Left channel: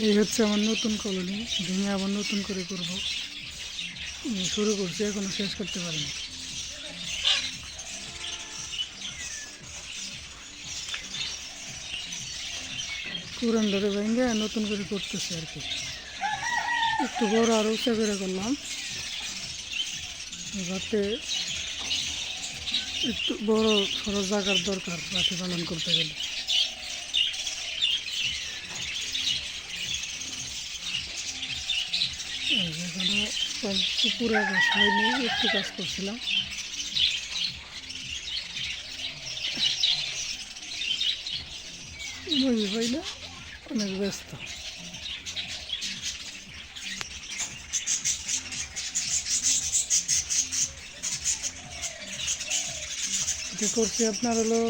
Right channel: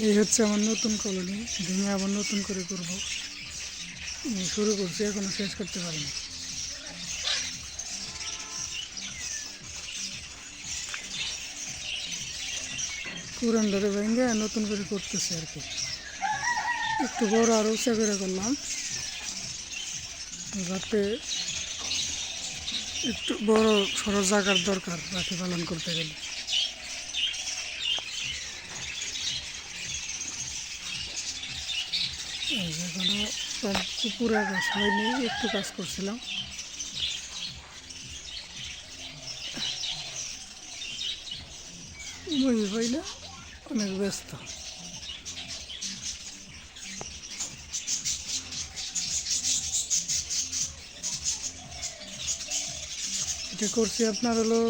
এই হচ্ছে আমার নতুন কলোনি, ভেঙে আবার নতুন করে করব। শুরু করছি, এখনো শেষ করতে পারিনি। পুরান ধরে ভেঙে নতুন করে করতেছে আর কি। একটু বড় আর উঁচা করে করলাম, যাতে একটু বড় সড়ো জায়গার দরকার রাখি পালন করতে গেলে। এই যে এখনো সব পুরা কাজ হয়নি, একটু কাজ করছিলাম। মুই হয় না, অনেক ব্যস্ত। এটা করছি আপনার হলো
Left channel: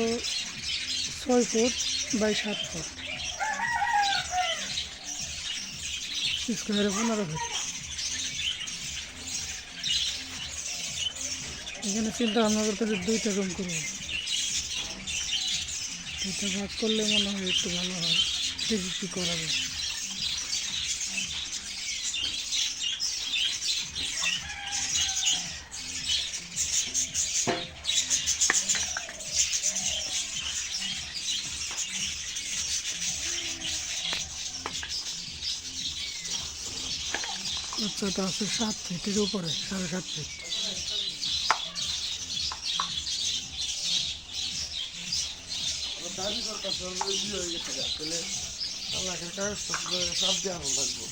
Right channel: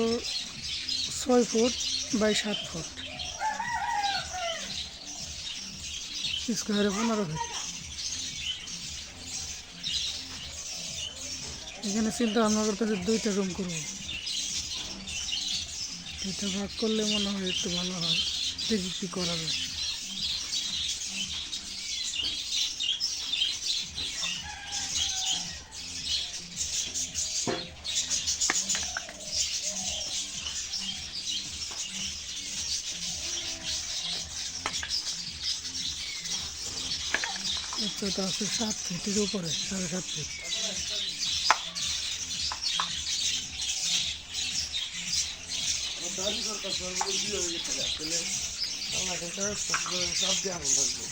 6 ফুট বাই 7 ফুট, স্কোয়ারে 15 ফিট। এখানে চিন্তা ভাবনা করতেছি 2টা রুম করবো। 2টা ভাগ করলে মনে হয় একটু ভালো হয়, দেখি কি করা যায়। উচ্চতা আছে 7 ফিটের উপরে, 7.5 ফিট। দাবি করতে সর্বোচ্চ হয়ে গেছে, তাহলে আল্লাহকে কাগজপত্র সব দেওয়া লাগবে।